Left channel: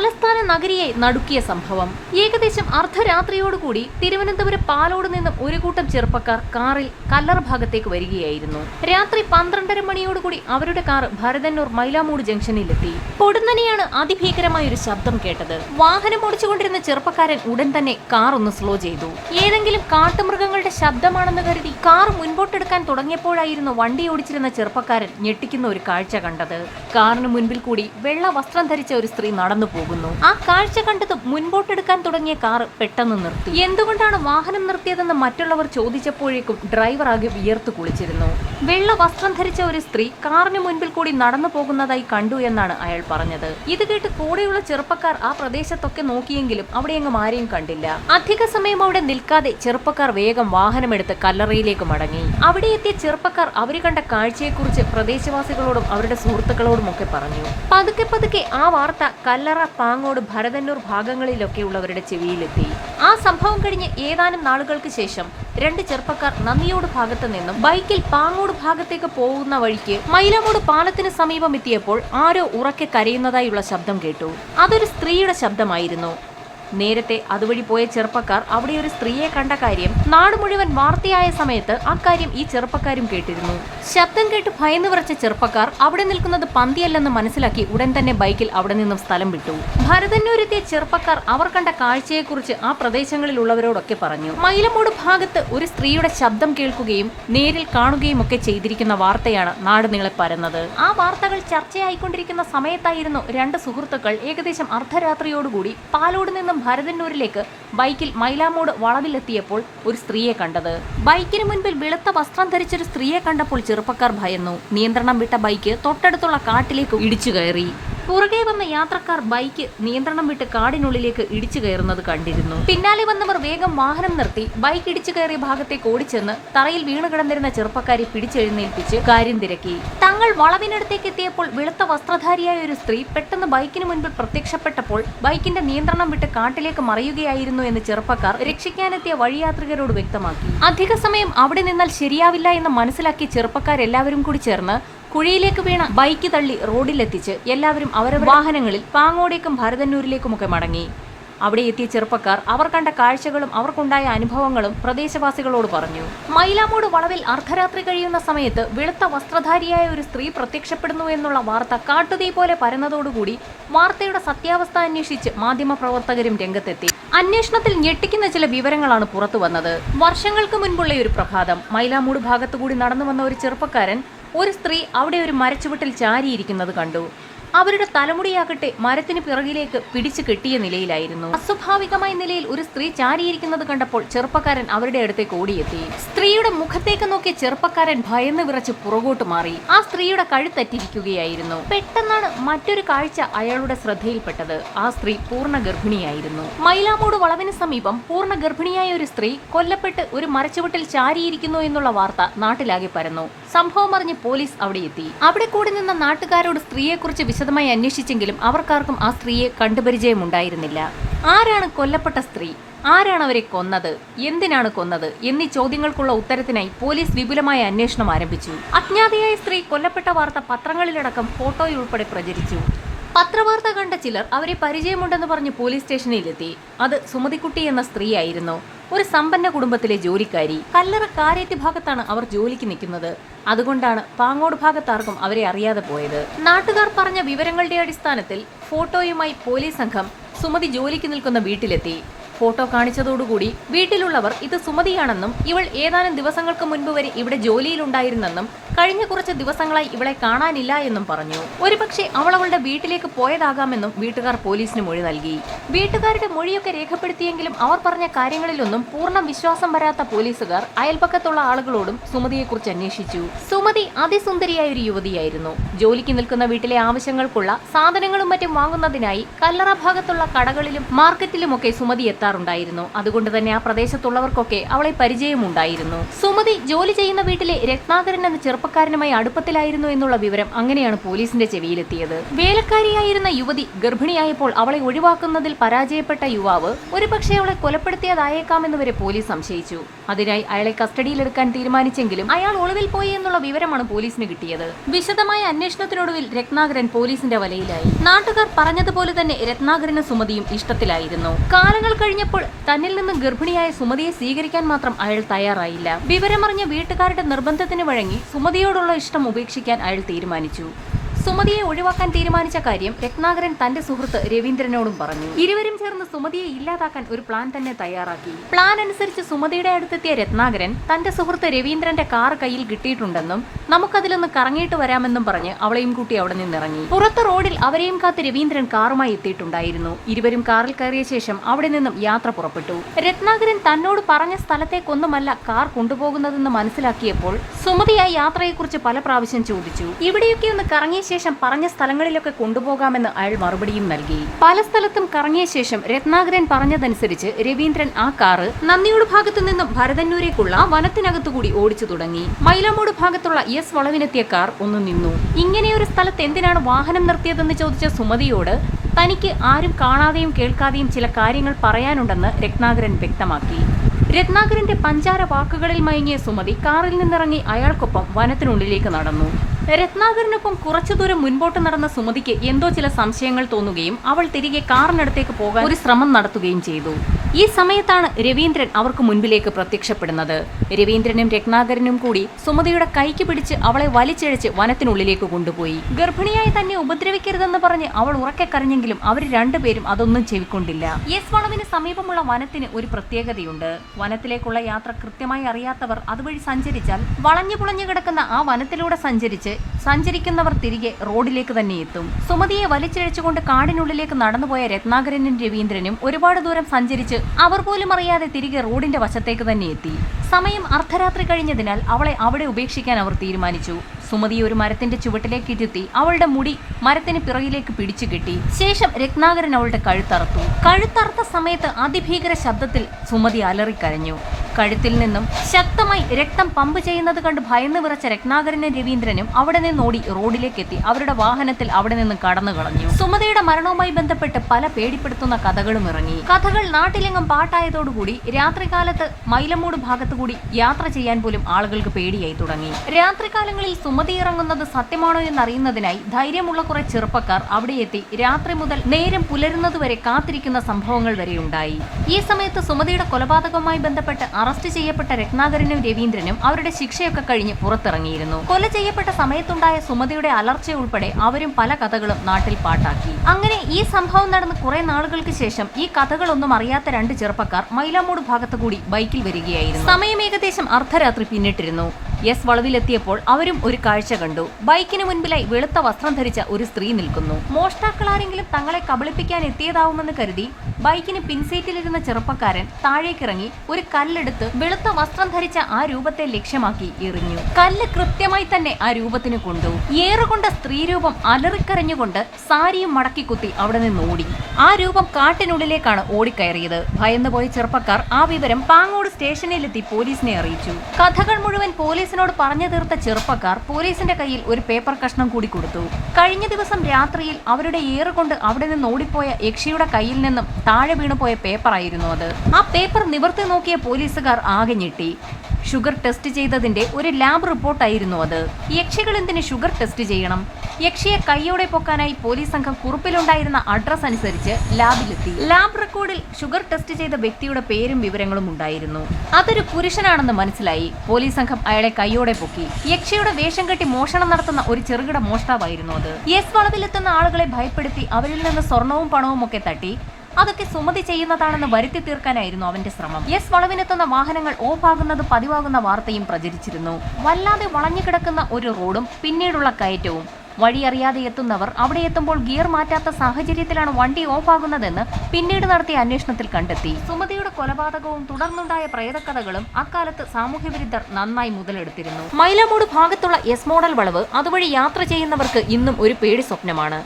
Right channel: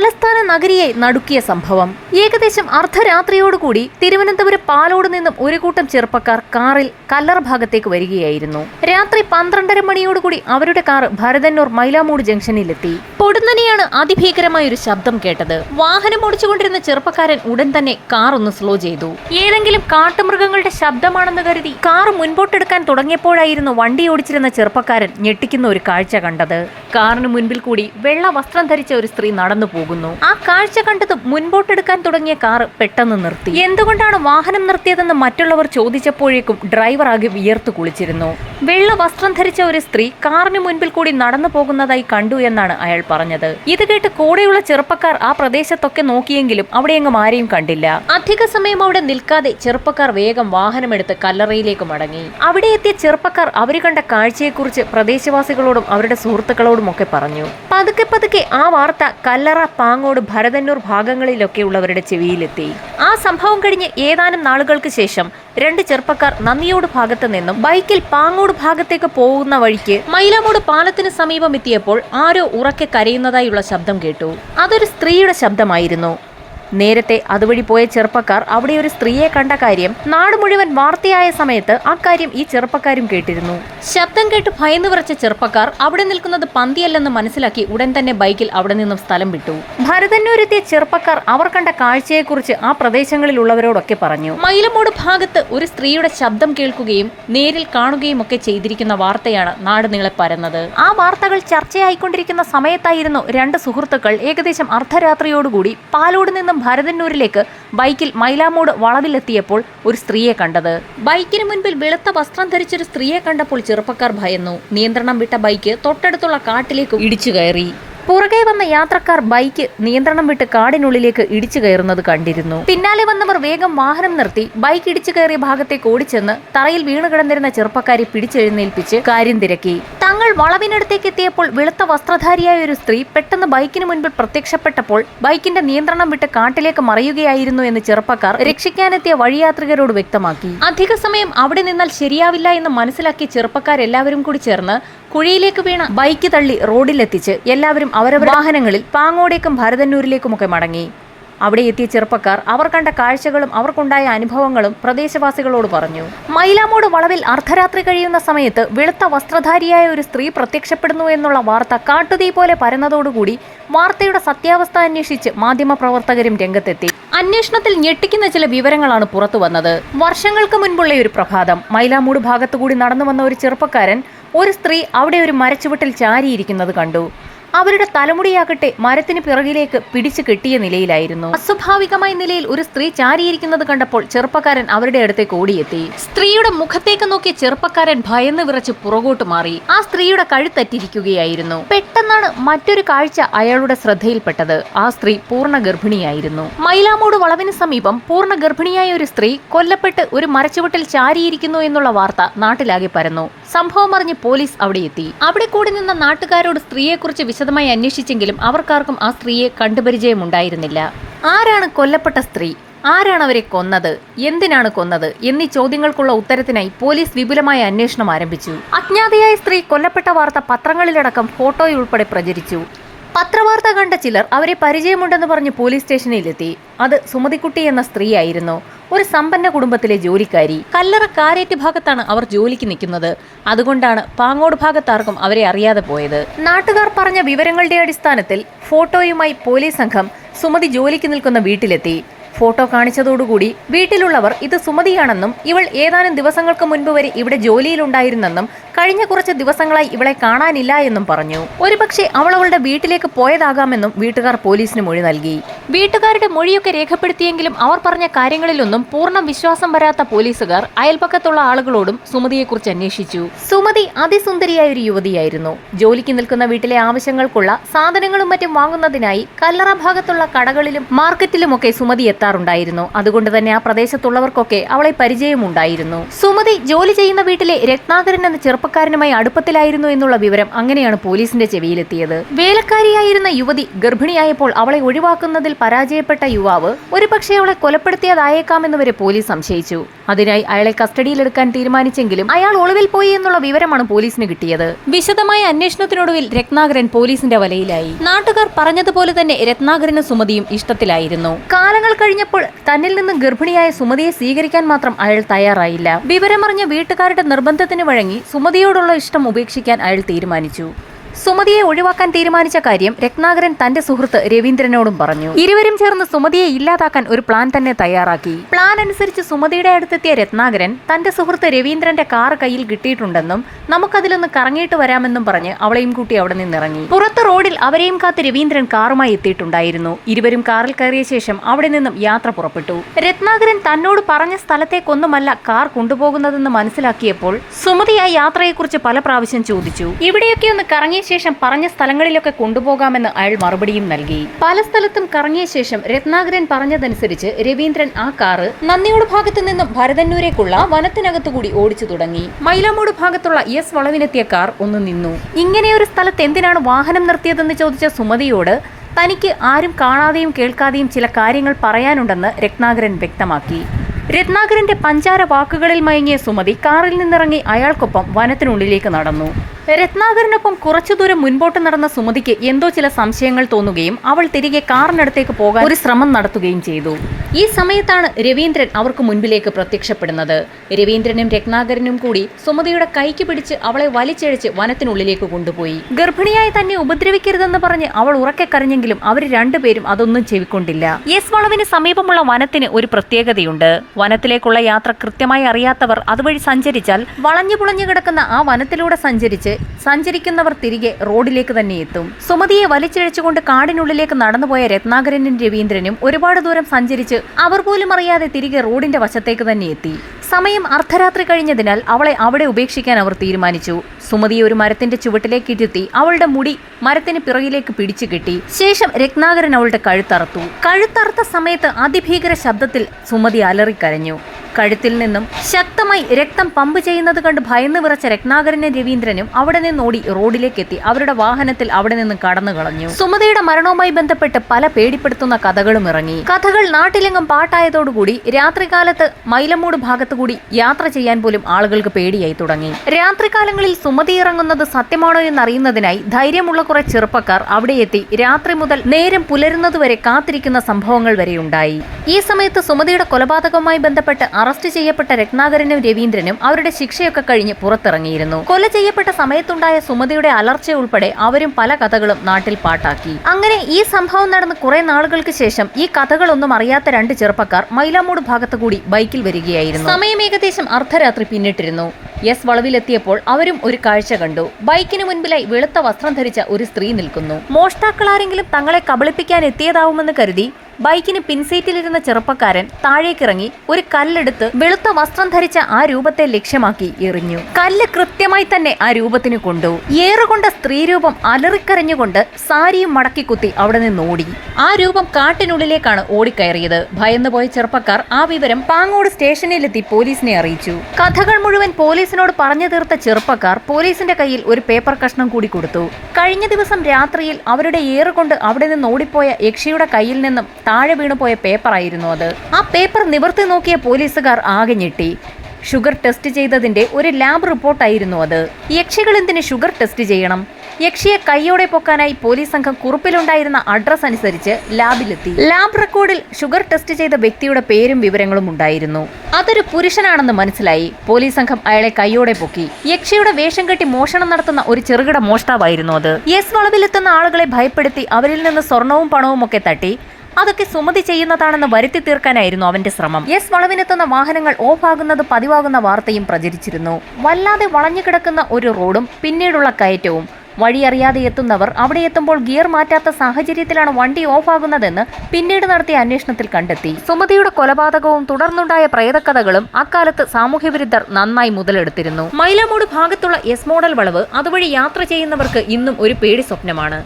തലസ്ഥാന നഗരിയെ നടുക്കിയ സംഭവം. ഏകദേശം അർദ്ധരാത്രിയോടുകൂടി തിരുവനന്തപുരം പാലോട് നിന്നും ഒരു കൂട്ടം ചെറുപ്പക്കാർ കാറിൽ കല്ലറ ഭാഗത്തേക്ക് വരികയായിരുന്നു. രാത്രി പന്ത്രണ്ടര മണിയോടുകൂടി അവരുടെ കാർ ഭരതന്നൂർ മൈലാമൂട് ജംഗ്ഷനിലെത്തി. പൊടുന്നനെയാണ് അതിഭീകരമായ ഒരു ശബ്ദം കേട്ടത്. വാഹനം ഓടിച്ചുകൊണ്ടിരുന്ന ചെറുപ്പക്കാരൻ ഉടൻ തന്നെ കാർ ഒന്ന് സ്ലോ ചെയ്തു. ഏതെങ്കിലും കാട്ടുമൃഗങ്ങളുടെ ശബ്ദമാണെന്ന് കരുതി കാർ മുൻപോട്ടെടുക്കാൻ തുടങ്ങിയപ്പോഴായിരുന്നു വണ്ടി ഓടിച്ചിരുന്ന ചെറുപ്പക്കാരൻ ഞെട്ടിക്കുന്ന ഒരു കാഴ്ച കണ്ടത്. കാറിന് മുൻപിൽ കൂടി വെള്ള വസ്ത്രം ധരിച്ച ഒരു സ്ത്രീ നടന്നു പോകുന്നു. ആ കാഴ്ച കണ്ടതും മുൻപോട്ടെടുക്കാൻ തുടങ്ങിയ കാർ പെട്ടെന്ന് നിർത്തി. എന്തുകൊണ്ടാണ് വാഹനം നിർത്തിയതെന്ന് മറ്റുള്ളവർ ചോദിച്ചപ്പോഴേക്കും ഡ്രൈവർ ആകെ വിയർത്തു കുളിച്ചിരുന്നു. വെള്ള വസ്ത്രം ധരിച്ച ഒരു സ്ത്രീ കാറിന് മുൻപിൽ കൂടി നടന്നു പോകുന്നതായി കണ്ടു എന്നാണ് അയാൾ പറഞ്ഞത്. ഇത് കേട്ട് കൂടെയുള്ള ചെറുപ്പക്കാർ ആ പ്രദേശത്തൊക്കെ നോക്കിയെങ്കിലും അവിടെയെങ്ങും ആരെയും കണ്ടില്ല. അധിക സമയം അവിടെ നിൽക്കാതെ ചെറുപ്പക്കാർ വേഗം വാഹനമെടുത്ത് കല്ലറയിലേക്ക് മടങ്ങി. അവിടെ എത്തിയ ചെറുപ്പക്കാർ അവർ കണ്ട കാഴ്ചയെക്കുറിച്ച് പ്രദേശവാസികളോടും അവരുടെ സുഹൃത്തുക്കളോടും ഒക്കെ പറഞ്ഞു. പതുക്കെ പതുക്കെ ആ വാർത്ത കല്ലറ പാങ്ങോട് ഭരതന്നൂർ ഭാഗങ്ങളിലൊക്കെ ഉള്ളവരുടെ ചെവിയിലെത്തി. ആ സംഭവം കഴിഞ്ഞ് ഏതാനും നാളുകൾക്ക് ശേഷം രണ്ട് ചെറുപ്പക്കാർ നന്ദിയോട് ഭാഗത്ത് നിന്നും ബൈക്കിൽ പാങ്ങോട് ഭാഗത്തേക്ക് പോകുന്ന വഴിക്ക് മൈലാമോട് പാലത്തിന് സമീപം എത്തിയപ്പോൾ ആരോ ഉറക്കെ കരയുന്നതായുള്ള ശബ്ദം കേട്ടു. അതൊരു സ്ത്രീയുടെ ശബ്ദമായിരുന്നു. നേരത്തെ അതുവഴി പോയ ചെറുപ്പക്കാർ അവിടെ ഒരു സ്ത്രീയെ കണ്ട കാര്യം നാട് മുഴുവൻ വാർത്തയായ സമയത്ത് അക്കാര്യം ഈ ചെറുപ്പക്കാരും കേട്ടിരുന്നു. ശബ്ദം കേട്ട് ഭയന്നു വിറച്ച ചെറുപ്പക്കാർ അവിടെ നിൽക്കുന്നത് പന്തിയല്ലെന്ന് മനസ്സിലാക്കി ഉടൻ തന്നെ ബൈക്കിൽ അവിടെ നിന്നും സ്ഥലം വിട്ടു. ഭരതന്നൂരെത്തിയ ചെറുപ്പക്കാർ അവർ കണ്ട കാഴ്ചയെക്കുറിച്ച് ആ പ്രദേശങ്ങളിലുള്ളവരോടൊക്കെ പറഞ്ഞു. മൈലമോട് ഭാഗത്ത് ഒരു സ്ത്രീയുടെ ശബ്ദം കേൾക്കുകയും നേരിൽ കാണുകയും ഒക്കെ ചെയ്തിരിക്കുന്ന വാർത്തയാണ് നാട് നിങ്ങളെ പരന്നത്. ആ വാർത്തകൾ ചർച്ചയായിക്കൊണ്ടിരിക്കുന്ന സമയത്തായിരുന്നു രണ്ട് സുഹൃത്തുക്കൾ ഏകദേശം അർദ്ധരാത്രിയോടുകൂടി പാലോട് നിന്നും ഭരതന്നൂരിലേക്ക് ബൈക്കിൽ മൈലാമൂട് വളവിലെത്തിയപ്പോൾ ഒരു സ്ത്രീയെ കണ്ടത്. ബൈക്കിന് മുൻപിൽ വെളുത്ത വസ്ത്രം ധരിച്ചൊരു സ്ത്രീയെ കണ്ടപ്പോൾ ചെറുപ്പക്കാർ ഭയന്നു. നിയന്ത്രണം വിട്ട ബൈക്ക് തൊട്ടടുത്തുള്ള കാട്ടിലേക്ക് ഇടിച്ചു കയറി. പുറകെ വന്ന യാത്രക്കാർ ബൈക്ക് നിയന്ത്രണം വിട്ട് കാടിനുള്ളിലേക്ക് ഇടിച്ചു കയറുന്നത് കണ്ടിരുന്നു. പിന്നാലെ വന്നവർ വേഗം വാഹനം നിർത്തി ബൈക്ക് ഇടിച്ചു കയറിയ ഭാഗത്തേക്ക് ഓടിച്ചെന്ന് തറയിൽ വീണു കിടന്നിരുന്ന ചെറുപ്പക്കാരെ പിടിച്ചെഴുന്നേൽപ്പിച്ച് കാര്യം തിരക്കി. വളവിനടുത്തേക്ക് എത്തിയപ്പോൾ വെളുത്ത വസ്ത്രധാരിയായ ഒരു സ്ത്രീ പെട്ടെന്ന് ബൈക്കിന് മുൻപിൽ പ്രത്യക്ഷപ്പെട്ടപ്പോൾ ബൈക്കിന്റെ നിയന്ത്രണം വിട്ട് കാട്ടിലേക്ക് മറയുകയായിരുന്നു എന്ന് ചെറുപ്പക്കാർ രക്ഷിക്കാനെത്തിയ വഴിയാത്രികരോട് വ്യക്തമാക്കി. അധിക സമയം അവിടെ നിന്നാൽ ശരിയാവില്ല എന്ന് മനസ്സിലാക്കിയ ചെറുപ്പക്കാരെല്ലാവരും കൂടി ചേർന്ന് കുഴിയിലേക്ക് വീണ ബൈക്ക് തള്ളി റോഡിലെത്തിച്ച് എല്ലാവരും അവരവർ വാഹനങ്ങളിൽ പാങ്ങോടേക്കും ഭരതന്നൂരിലേക്കുമൊക്കെ മടങ്ങി. അവിടെ എത്തിയ ചെറുപ്പക്കാർ അവർ കണ്ട കാഴ്ചകളും അവർക്കുണ്ടായ അനുഭവങ്ങളും പ്രദേശവാസികളോട് പറഞ്ഞു. മൈലാമോട് വളവിൽ അർദ്ധരാത്രി കഴിയുന്ന സമയത്ത് വെളുത്ത വസ്ത്രധാരിയായ ഒരു സ്ത്രീ പ്രത്യക്ഷപ്പെടുന്നു എന്നുള്ള വാർത്ത കാട്ടുതീ പോലെ പരന്നതോടുകൂടി വാർത്തയുടെ സത്യാവസ്ഥ അന്വേഷിച്ച് മാധ്യമപ്രവർത്തകരും രംഗത്തെത്തി. അന്വേഷണത്തിൽ ഞെട്ടിക്കുന്ന ചില വിവരങ്ങളാണ് പുറത്തു വന്നത്. വർഷങ്ങൾക്ക് മുൻപുള്ള ഒരു പ്രഭാതം. മൈലാമൂട് ഭാഗത്തുകൂടി നടന്നു വന്ന ഒരു ചെറുപ്പക്കാരൻ ഒരു സ്ത്രീ അവിടെ ഒരു മരച്ചുവട്ടിൽ ചാരിയിരിക്കുന്നത് കണ്ടു. അവരുടെ തലമുടിയാകട്ടെ മരത്തിന് പിറകിലേക്ക് പിടിച്ചു കെട്ടിയ നിലയിലായിരുന്നു. അസ്വാഭാവികമായ നിലയിൽ ഒരു സ്ത്രീ ചാരിയിരിക്കുന്നത് കണ്ടപ്പോൾ ചെറുപ്പക്കാരൻ അവരുടെ അടുത്തേക്ക് ഓടിയെത്തി. സ്ത്രീയുടെ മുഖത്തേക്ക് നോക്കിയ ചെറുപ്പക്കാരൻ ഭയന്ന് വിറച്ച് പുറകോട്ട് മാറി. ആ സ്ത്രീയുടെ കഴുത്തറ്റിരിക്കുകയായിരുന്നു. പെട്ടെന്നാണ് മറ്റൊരു കാഴ്ച അയാളുടെ ശ്രദ്ധയിൽപ്പെട്ടത്. ആ സ്ത്രീ പൂർണ ഗർഭിണിയായിരുന്നു മൈലാമൂട് വളവിന് സമീപം പൂർണ ഗർഭിണിയായ ഒരു സ്ത്രീ കൊല്ലപ്പെട്ട് ഒരു മരച്ചുവട്ടിൽ ചാരിയിരിക്കുന്നു എന്നുള്ള വാർത്ത നാട്ടിലാകെ പരന്നു. സംഭവം അറിഞ്ഞ് പോലീസ് അവിടെ എത്തി അവിടെ കൂടി നിന്ന നാട്ടുകാരോട് സ്ത്രീയെക്കുറിച്ച് വിശദമായി അന്വേഷിച്ചെങ്കിലും അവർക്കാർക്കും ആ സ്ത്രീയെ കണ്ടുപരിചയമുണ്ടായിരുന്നില്ല ആരാണ് കൊല്ലപ്പെട്ട സ്ത്രീ? ആരാണ് അവരെ കൊന്നത്? എന്തിനാണ് കൊന്നത്? എന്നീ ചോദ്യങ്ങൾക്കുള്ള ഉത്തരത്തിനായി പോലീസ് വിപുലമായ അന്വേഷണം ആരംഭിച്ചു. അജ്ഞാതയായ സ്ത്രീ കൊല്ലപ്പെട്ട വാർത്ത പത്രങ്ങളിലടക്കം ഫോട്ടോയുൾപ്പെടെ പ്രചരിച്ചു. പത്രവാർത്ത കണ്ട ചിലർ അവരെ പരിചയമുണ്ടെന്ന് പറഞ്ഞ് പോലീസ് സ്റ്റേഷനിലെത്തി. അത് സുമതിക്കുട്ടി എന്ന സ്ത്രീയായിരുന്നു. ഒരു സമ്പന്ന കുടുംബത്തിലെ ജോലിക്കാരി കല്ലറ കാരേറ്റ് ഭാഗത്താണ് അവർ ജോലിക്ക് നിൽക്കുന്നത്. അതുകൊണ്ടാണ് പാങ്ങോട് ഭാഗത്താർക്കും അവരെ അറിയാതെ പോയത്. നാട്ടുകാർ പറഞ്ഞ വിവരങ്ങളുടെ അടിസ്ഥാനത്തിൽ ഫോട്ടോയുമായി പോലീസ് സംഘം സുമതി ജോലിക്ക് നിൽക്കുന്ന വീട്ടിലെത്തി. ഫോട്ടോ കാണിച്ചതോടുകൂടി വീട്ടിലുള്ളവർ ഇത് സുമതിയാണെന്നും ഇവൾ ഏതാനും ദിവസങ്ങൾക്ക് മുൻപ് വരെ ഇവിടെ ജോലിയിലുണ്ടായിരുന്നെന്നും കഴിഞ്ഞ കുറച്ച് ദിവസങ്ങളായി ഇവളെ കാണാനില്ല എന്നും പറഞ്ഞു. ഒരുപക്ഷെ അവൾ അവളുടെ വീട്ടിലേക്ക് പോയതാകാമെന്നും വീട്ടുകാർ പോലീസിന് മൊഴി നൽകി. വീട്ടുകാരുടെ മൊഴിയൊക്കെ രേഖപ്പെടുത്തിയെങ്കിലും അവർ പറഞ്ഞ കാര്യങ്ങളിലൊന്നും പൂർണ വിശ്വാസം വരാത്ത പോലീസുകാർ അയൽപക്കത്തുള്ള ആളുകളോടും സുമതിയെക്കുറിച്ച് അന്വേഷിച്ചു. സുമതി അതിസുന്ദരിയായ ഒരു യുവതിയായിരുന്നു. ജോലിക്ക് നിൽക്കുന്ന വീട്ടിലെ ആവശ്യങ്ങൾക്കുള്ള സാധനങ്ങളും മറ്റും വാങ്ങുന്നതിനായി കല്ലറ ഭാഗത്തുള്ള കടകളിലും മാർക്കറ്റിലുമൊക്കെ സുമതി എത്താറുണ്ടായിരുന്നു. അതുകൊണ്ട് തന്നെ ആ പ്രദേശത്തുള്ളവർക്കൊക്കെ അവളെ പരിചയമുണ്ടായിരുന്നു. സുമതി ജോലി ചെയ്യുന്ന വീട്ടിലെ രത്നാകരൻ എന്ന ചെറുപ്പക്കാരനുമായി അടുപ്പത്തിലായിരുന്നു എന്നുള്ള വിവരം അങ്ങനെയാണ് പോലീസിന്റെ ചെവിയിലെത്തിയത്. വേലക്കാരിയായിരുന്ന യുവതി ഗർഭിണിയായപ്പോൾ അവളെ ഒഴിവാക്കുന്നതിൽ പരാജയപ്പെട്ട യുവാവ് ഒരുപക്ഷെ അവളെ കൊലപ്പെടുത്തിയതായേക്കാമെന്ന് വരെ പോലീസ് സംശയിച്ചു. അതിനായി അയാളെ കസ്റ്റഡിയിലെടുക്കാൻ തീരുമാനിച്ചെങ്കിലും അയാൾ ഒളിവിൽ പോയി എന്നുള്ള വിവരമാണ് പോലീസിന് കിട്ടിയത്. വിശദമായ അന്വേഷണത്തിനൊടുവിൽ രത്നാകരൻ പോലീസിന്റെ വലയിലായി. നാട്ടുകാർ പറഞ്ഞതുപോലെ തന്നെ രത്നാകരനും സുമതിയും ഇഷ്ടത്തിലായിരുന്നു. കാലങ്ങൾ കഴിഞ്ഞപ്പോൾ തന്നിൽ നിന്ന് ഗർഭിണിയായ സുമതിയെ സ്വീകരിക്കാൻ മാത്രം അയാൾ തയ്യാറായില്ല. വിവരമറിഞ്ഞ വീട്ടുകാരുടെ നിർബന്ധത്തിന് വഴങ്ങി സുമതിയോടുള്ള ഇഷ്ടം ഉപേക്ഷിക്കാൻ അയാൾ തീരുമാനിച്ചു സുമതിയെ ഒഴിവാക്കാൻ തീരുമാനിച്ച കാര്യം രത്നാകരൻ തന്റെ സുഹൃത്ത് രവീന്ദ്രനോടും പറഞ്ഞു. ഇരുവരും ചേർന്ന് സുമതിയെ ഇല്ലാതാക്കാൻ ഒരു പ്ലാൻ തന്നെ തയ്യാറാക്കി. പ്ലാൻ അനുസരിച്ച് സുമതിയുടെ അടുത്തെത്തിയ രത്നാകരൻ തന്റെ സുഹൃത്ത് രവീന്ദ്രന്റെ കാർ കയ്യിൽ കിട്ടിയിട്ടുണ്ടെന്നും നമുക്കതിലൊന്ന് കറങ്ങിയിട്ട് വരാമെന്നും പറഞ്ഞ് അവളെയും കൂട്ടി അവിടെ നിന്നിറങ്ങി. പുറത്ത് റോഡിൽ അവരെയും കാത്ത് രവീന്ദ്രൻ കാറുമായി എത്തിയിട്ടുണ്ടായിരുന്നു. ഇരുവരും കാറിൽ കയറിയ ശേഷം അവിടെ നിന്നും യാത്ര പുറപ്പെട്ടു. രത്നാകരൻ തന്നോട് പറഞ്ഞ സ്ഥലത്തേക്കൊന്നുമല്ല കാർ കൊണ്ടുപോകുന്നതെന്ന് മനസ്സിലാക്കിയപ്പോൾ സുമതി ആ യാത്രയെക്കുറിച്ച് പല പ്രാവശ്യം ചോദിച്ചു. ഇവിടെയൊക്കെ ഒന്ന് കറങ്ങിയ ശേഷം പറഞ്ഞ സ്ഥലങ്ങളിലൊക്കെ കൊണ്ടുപോകാമെന്ന് അയാൾ മറുപടിയും നൽകി. പല സ്ഥലത്തും കറങ്ങിയ ശേഷം രത്നാകരൻ പറഞ്ഞതനുസരിച്ച് രവീന്ദ്രൻ ആ കാറ് നന്ദിയോട് ഭാഗത്തു നിന്നും ഭരതന്നൂരേക്കുള്ള വനത്തിനകത്തുകൂടി ഓടിച്ചു തുടങ്ങി. മൈലാമൂട് ഭാഗത്തുള്ള എസ് വളവിനെത്തിയ കാർ ഒന്ന് നിന്നു. ഇങ്ങനെയൊരു സ്ഥലത്ത് എന്തിനാണ് വാഹനം നിർത്തിയതെന്ന് ചോദിച്ച സുമതിയോട് തനിക്ക് ആരും കാണാതെയും കേൾക്കാതെയും ചില കാര്യങ്ങൾ പറയാനുണ്ടെന്ന് രത്നാകരൻ വ്യക്തമാക്കി. രത്നാകരന്റെ പഞ്ചാര വാക്കുകളിൽ മയങ്ങിയ സുമതി കാറിൽ നിന്നിറങ്ങി അയാൾക്കൊപ്പം വനത്തിനുള്ളിലേക്ക് നടന്നു. രത്നാകരനൊപ്പം കുറച്ചു ദൂരം മുൻപോട്ട് നടന്ന സുമതിക്ക് എന്തോ ചില സംശയങ്ങൾ തോന്നുകയും അവൾ തിരികെ കാറിനടുത്തേക്ക് പോകാൻ ഒരു ശ്രമം നടത്തുകയും ചെയ്തു. ഈ സമയത്താണ് രവീന്ദ്രൻ അവർക്ക് മുൻപിലേക്ക് പ്രത്യക്ഷപ്പെടുന്നത്. രവീന്ദ്രനും രത്നാകരനും കൂടി സുമതിയുടെ കൈക്ക് പിടിച്ച് അവളെ വലിച്ചിഴച്ച് വനത്തിനുള്ളിലേക്ക് കൊണ്ടുപോയി. ഗർഭിണിയായി തന്നെ ഉപദ്രവിക്കരുതെന്ന് പറഞ്ഞ് അവൾ ഉറക്കെ കരഞ്ഞെങ്കിലും അവർ രണ്ടുപേരും അതൊന്നും ചെവിക്കൊണ്ടില്ല. എസ് വളവിന് സമീപമുള്ള വനത്തിന് ഒരു പ്രത്യേകതയുണ്ട്. വനത്തിലേക്കുള്ള യാത്ര കൃത്യമായി അറിയാത്തവർ അതുവഴി സഞ്ചരിച്ചാൽ വളഞ്ഞു പുളഞ്ഞു കിടക്കുന്ന ആ വനത്തിലൂടെ സഞ്ചരിച്ച് സഞ്ചരിക്കുന്നവർ തിരികെ റോഡിലേക്ക് തന്നെ എത്തും. സുമതിയെ വലിച്ചിഴച്ചുകൊണ്ട് കാടിനുള്ളിലേക്ക് നടന്നുപോയ രത്നാകരനും രവീന്ദ്രനും ഒരുപാട് ദൂരം സഞ്ചരിച്ച് അവർ പോലും അറിയാതെ തിരികെ റോഡിന്റെ വശത്തേക്ക് തന്നെ എത്തി. സമയം അർദ്ധരാത്രി കഴിഞ്ഞതിനാൽ അവളെ അവിടെ ഉപേക്ഷിക്കാൻ അവർ തീരുമാനിച്ചു. സുമതിയെ ഒരു മരത്തിന്റെ ചുവട്ടിലേക്ക് ഇരുത്തി അവളുടെ മുടി മരത്തിന് പിറകിലേക്ക് പിടിച്ചു കെട്ടി. ശേഷം രത്നാകരൻ അവളുടെ കഴുത്തറുത്തു. കഴുത്തറുത്ത സമയത്ത് അതിഭീകര ശബ്ദത്തിൽ സുമതി അലറിക്കരഞ്ഞു. കഴുത്തിൽ നിന്നും ശക്തമായി രക്തം പമ്പ് ചെയ്യുന്നത് കണ്ട് ഭയന്ന് വിറച്ച രത്നാകരനും രവീന്ദ്രനും അവിടെ നിന്നോടി റോഡിലേക്ക് എത്തി. അവരുടെ വാഹനത്തിൽ അവിടെ നിന്നും കടന്നു കളഞ്ഞു. സുമതിയുടെ മരണവുമായി ബന്ധപ്പെട്ട് പല പേടിപ്പെടുത്തുന്ന കഥകളും ഇറങ്ങി. കഥകൾ നാട്ടിലെങ്ങും പാട്ടായതോടുകൂടി രാത്രികാലത്ത് മൈലമൂട് ഭാഗത്തുകൂടി യാത്ര ചെയ്യാൻ പോലും ആളുകൾക്ക് പേടിയായി തുടങ്ങി. രാത്രികാലങ്ങളിൽ സുമതി ഇറങ്ങുന്നത് സത്യമാണോ എന്നറിയുന്നതിനായി ധൈര്യമുള്ള കുറെ ചെറുപ്പക്കാർ അവിടെ എത്തി രാത്രി മുതൽ നേരം പുലരുന്നതുവരെ കാത്തിരിക്കുന്ന സംഭവങ്ങൾ വരെയുണ്ടായി. ഈ സമയത്ത് സുമതിയുടെ കൊലപാതകവുമായി ബന്ധപ്പെട്ട് അറസ്റ്റ് ചെയ്യപ്പെട്ട രത്നാകരനും രവീന്ദ്രനും അവരുടെ ശിക്ഷയൊക്കെ കഴിഞ്ഞ് പുറത്തിറങ്ങിയിരുന്നു. കൊല ചെയ്യപ്പെട്ട സമയത്തുണ്ടായ സുമതിയുടെ അലർച്ച ഉൾപ്പെടെ അവരും പല കഥകളും നാട്ടിൽ പാട്ടാക്കി. അങ്ങനെ ഈ സംഭവം നടന്ന് കുറെ നാളുകൾക്ക് ശേഷം ഈ കഥകളൊന്നും അറിയാത്ത രണ്ട് ചെറുപ്പക്കാർ മൈലാമൂട് ഭാഗത്തുകൂടി ബൈക്കിൽ വരികയായിരുന്നു. സമയം ഏകദേശം അർദ്ധരാത്രി പിന്നിട്ടിരുന്നു. എസ് വളവിലെത്തിയപ്പോൾ അവരും ഒരു കാഴ്ച കണ്ടു. ബൈക്കിന് മുൻപിലായി വെളുത്ത വസ്ത്രം ധരിച്ച ഒരു സ്ത്രീ നിൽക്കുന്നു. മോഷ്ടാക്കളാരെങ്കിലും തങ്ങളെ കബളിപ്പിക്കാൻ എത്തിയതാവുമെന്ന് കരുതി ബൈക്കിന് പിൻസീറ്റിലിരുന്ന ചെറുപ്പക്കാരൻ താഴേക്കിറങ്ങി ഒരു കല്ലെടുത്ത് വെളുത്ത വസ്ത്രം ധരിച്ച ആ രൂപത്തെ ലക്ഷ്യമാക്കി എറിഞ്ഞു. കല്ല് കൃത്യമായി തന്നെ ആ രൂപത്തിന് കൊണ്ടു. ഏറുകൊണ്ട സ്ത്രീരൂപം അലറിക്കരഞ്ഞുകൊണ്ട് സാരിയും മടക്കി കുത്തി അവിടെ നിന്ന് ഓടി. ആ രൂപം കാട്ടിനുള്ളിലേക്കാണ് ഓടിക്കയറിയത്. ഭയന്നുപോയ ചെറുപ്പക്കാർ ആ വിവരം പാങ്ങോട് സ്റ്റേഷനിലെത്തി പോലീസിനെ അറിയിച്ചു. കഥകൾ മുഴുവൻ പോലീസിനോട് പറഞ്ഞു തീർത്ത ചെറുപ്പക്കാർ പോലീസിന്റെ കയ്യിൽ ഒരു പേപ്പർ കഷ്ണം കൂടി കൊടുത്തു. കഴിഞ്ഞ ദിവസം രാത്രിയിൽ അവരുടെ ഏറുകൊണ്ട് അവിടെ നിന്ന് ഓടിപ്പോയ യക്ഷിയുടെ കയ്യിൽ നിന്നും താഴെ വീണുപോയ പേപ്പറായിരുന്നു അത്. ആ പേപ്പർ നിവർത്തി നോക്കിയ പോലീസുകാർ ആകെ ഞെട്ടി. ഷുഗർ ടെസ്റ്റ് ചെയ്തതിന്റെ ഒരു ലാബ് റിപ്പോർട്ടായിരുന്നു അത്. യക്ഷികൾ എന്തിന് ഷുഗർ ടെസ്റ്റ് ചെയ്യണം? യക്ഷിയെ കൈയോടെ പൊക്കാനായി പോലീസ് സംഘം കുറിപ്പിലുണ്ടായിരുന്ന അഡ്രസ് അനുസരിച്ച് ലാബിലെത്തി. ലാബ് റെക്കോർഡിൽ ഷുഗർ ടെസ്റ്റ് ചെയ്ത വ്യക്തിയുടെ പേരും വിവരങ്ങളും ഉണ്ടായിരുന്നു. അതൊരു പുരുഷനാണെന്ന് മനസ്സിലായി. പോലീസ് സംഘം അയാളെ കൈയോടെ പൊക്കി. യക്ഷിയുടെ വേഷം കെട്ടി മോഷണം നടത്തുന്ന ഒരു ചെറുകിട മോഷ്ടാവായിരുന്നു അത്. എസ് വളവിലെത്തുന്ന ആളുകളെ ഭയപ്പെടുത്തി അവരിൽ നിന്ന് സ്വർണവും പണവും ഒക്കെ തട്ടി അതൊക്കെ സുമതി ചെയ്യുന്നതാണെന്ന് വരുത്തി തീർക്കാനായിരുന്നു അവന്റെ ശ്രമം. യെസ് വളവിനെത്തുന്ന വാഹനങ്ങൾ ഓഫാകുന്നത് പതിവാകുന്ന വാർത്തയും പ്രചരിച്ചിരുന്നു. വല്ലാതെ വളഞ്ഞു കിടക്കുന്ന ഒരു റോഡും പിന്നീടുള്ള കയറ്റവും. വഴിയറിയാതെ എത്തുന്നവർ അവിടെ എത്തുമ്പോൾ ഗിയർ മാറ്റാത്ത സാഹചര്യത്തിലാണ് വണ്ടി ഓഫാകുന്നതെന്ന് പിന്നീട് നടത്തിയ അന്വേഷണത്തിൽ കണ്ടെത്തി. സുമതിയുടെ കൊലപാതകവും തുടർന്നുണ്ടായ പ്രേതകഥകളും അക്കാലത്ത് സാമൂഹ്യവിരുദ്ധർ നന്നായി മുതലെടുത്തിരുന്നു. മൈലാമോട് ഭാഗത്തുള്ള എസ് മോഡൽ വളവ് അതുവഴി യാത്ര ചെയ്യുന്നവർക്ക് ഇന്നും ഒരു പേടി സ്വപ്നമാണ്.